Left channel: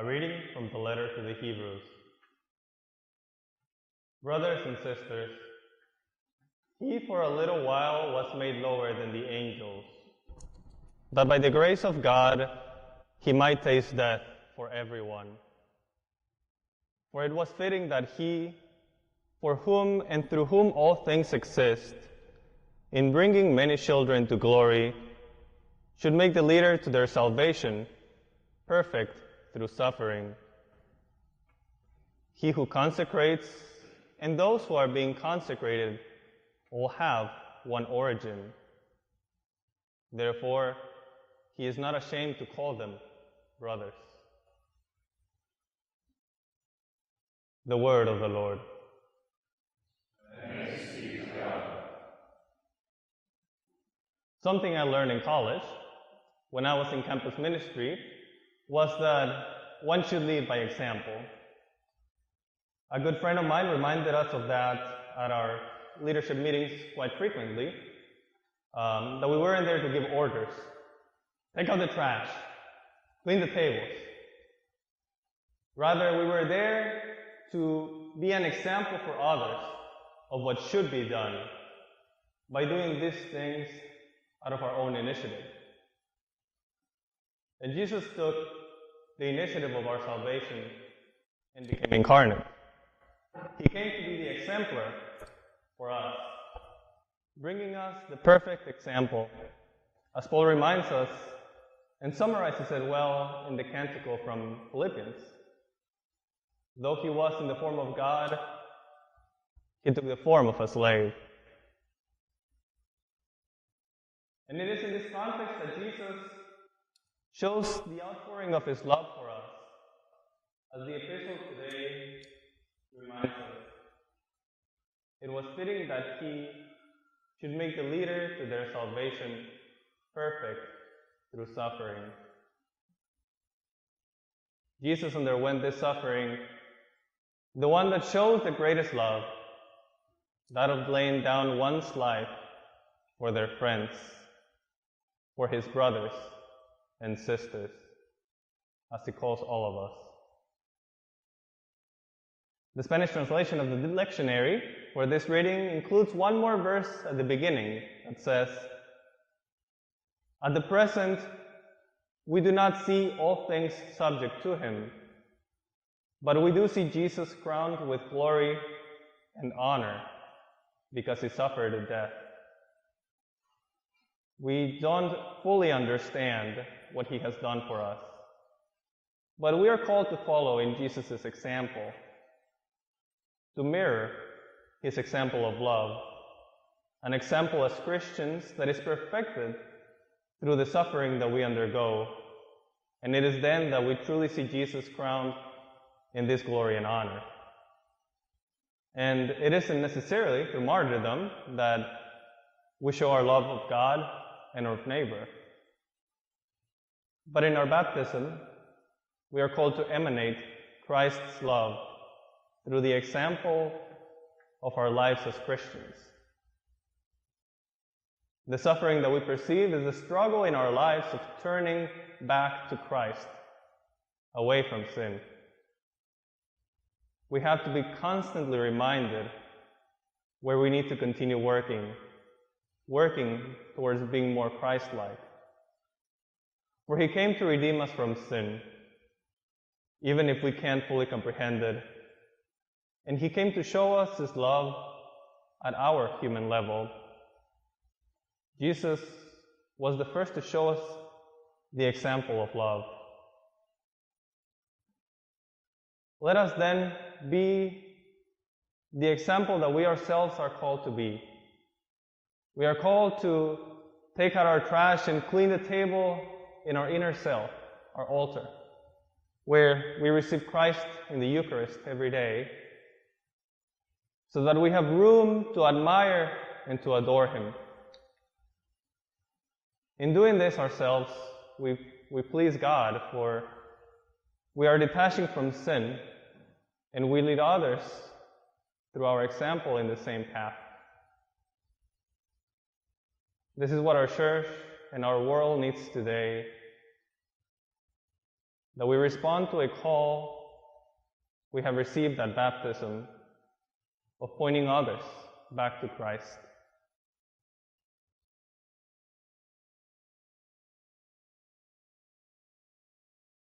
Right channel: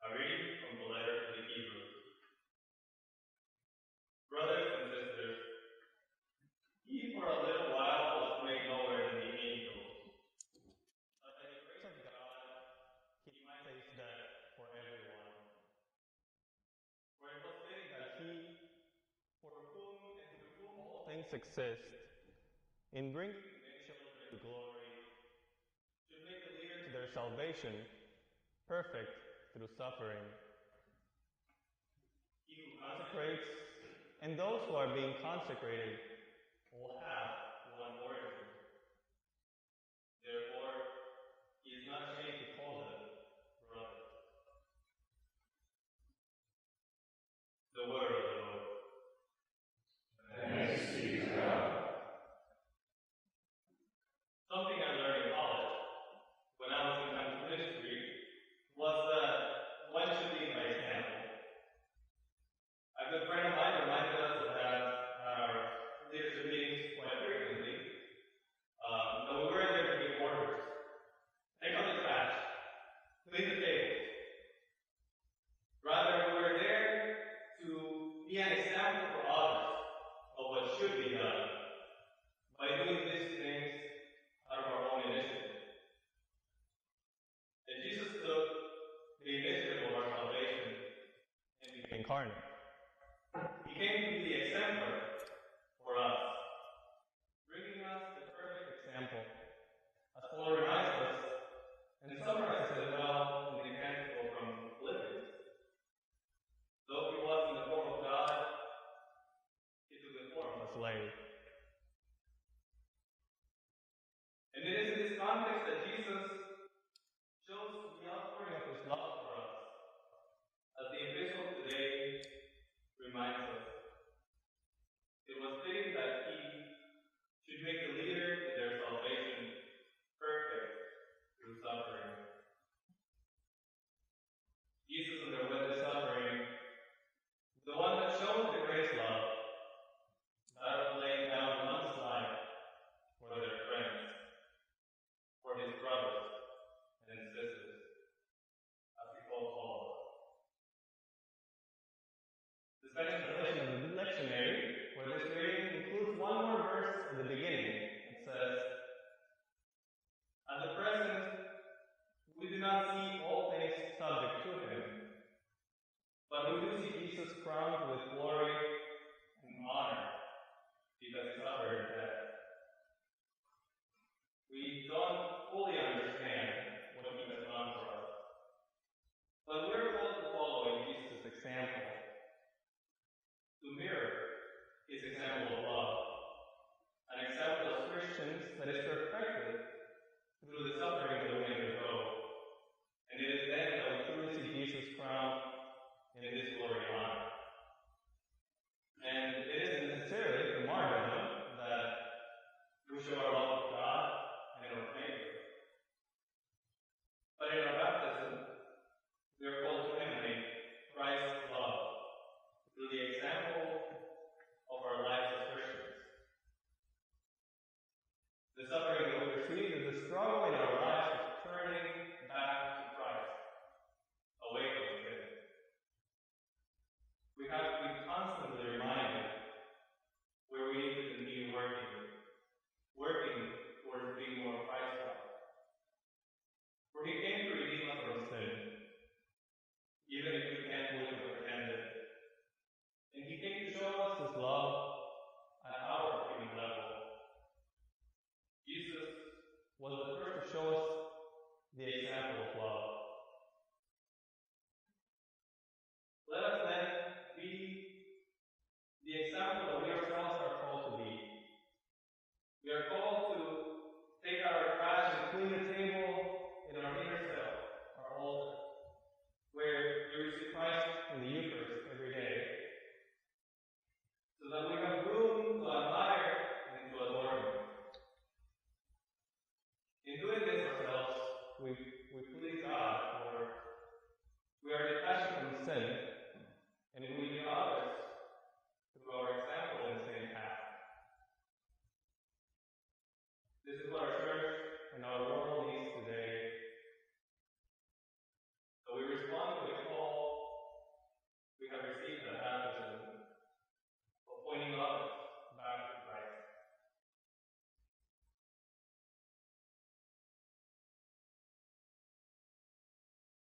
A reading from the letter to the Hebrews. Brothers and sisters, he for a little while was made lower than the angels, that by the grace of God he might taste death for everyone. For it was fitting that he, for whom and through whom all things exist, in bringing many children to glory, should make the leader to their salvation perfect through suffering. He who consecrates and those who are being consecrated all have one origin. Therefore, he is not ashamed to call them brothers. The word of the Lord. Thanks be to God. Something I learned in college, when I was in campus ministry, was that one should lead by example. A good friend of mine reminded us of that at our leadership meetings quite frequently, that we weren't there to give orders. Take out the trash, clean the tables. Rather, we were there to be an example for others of what should be done by doing these things out of our own initiative. And Jesus took the initiative of our salvation and became incarnate. He came to be the exemplar for us, bringing us the perfect example, as Paul reminds us and summarizes it well in the canticle from Philippians. Though he was in the form of God, he took the form of a slave. And it is in this context that Jesus shows the outpouring of his love for us, as the epistle today reminds us. It was fitting that he should make the leader to their salvation perfect through suffering. Jesus underwent this suffering, the one that shows the greatest love, that of laying down one's life for their friends, for his brothers and sisters, as he calls all of us. The Spanish translation of the lectionary for this reading includes one more verse at the beginning that says, "At the present, we do not see all things subject to him, but we do see Jesus crowned with glory and honor because he suffered death. We don't fully understand what he has done for us, but we are called to follow in Jesus' example, to mirror his example of love, an example as Christians that is perfected through the suffering that we undergo, and it is then that we truly see Jesus crowned in this glory and honor. And it isn't necessarily through martyrdom that we show our love of God and of neighbor. But in our baptism, we are called to emanate Christ's love through the example of our lives as Christians. The suffering that we perceive is the struggle in our lives of turning back to Christ, away from sin. We have to be constantly reminded where we need to continue working towards being more Christ-like. For he came to redeem us from sin, even if we can't fully comprehend it. And he came to show us his love at our human level. Jesus was the first to show us the example of love. Let us then be the example that we ourselves are called to be. We are called to take out our trash and clean the table in our inner self, our altar, where we receive Christ in the Eucharist every day, so that we have room to admire and to adore him. In doing this ourselves, we please God, for we are detaching from sin, and we lead others through our example in the same path. This is what our church and our world needs today. that we respond to a call we have received at baptism of pointing others back to Christ.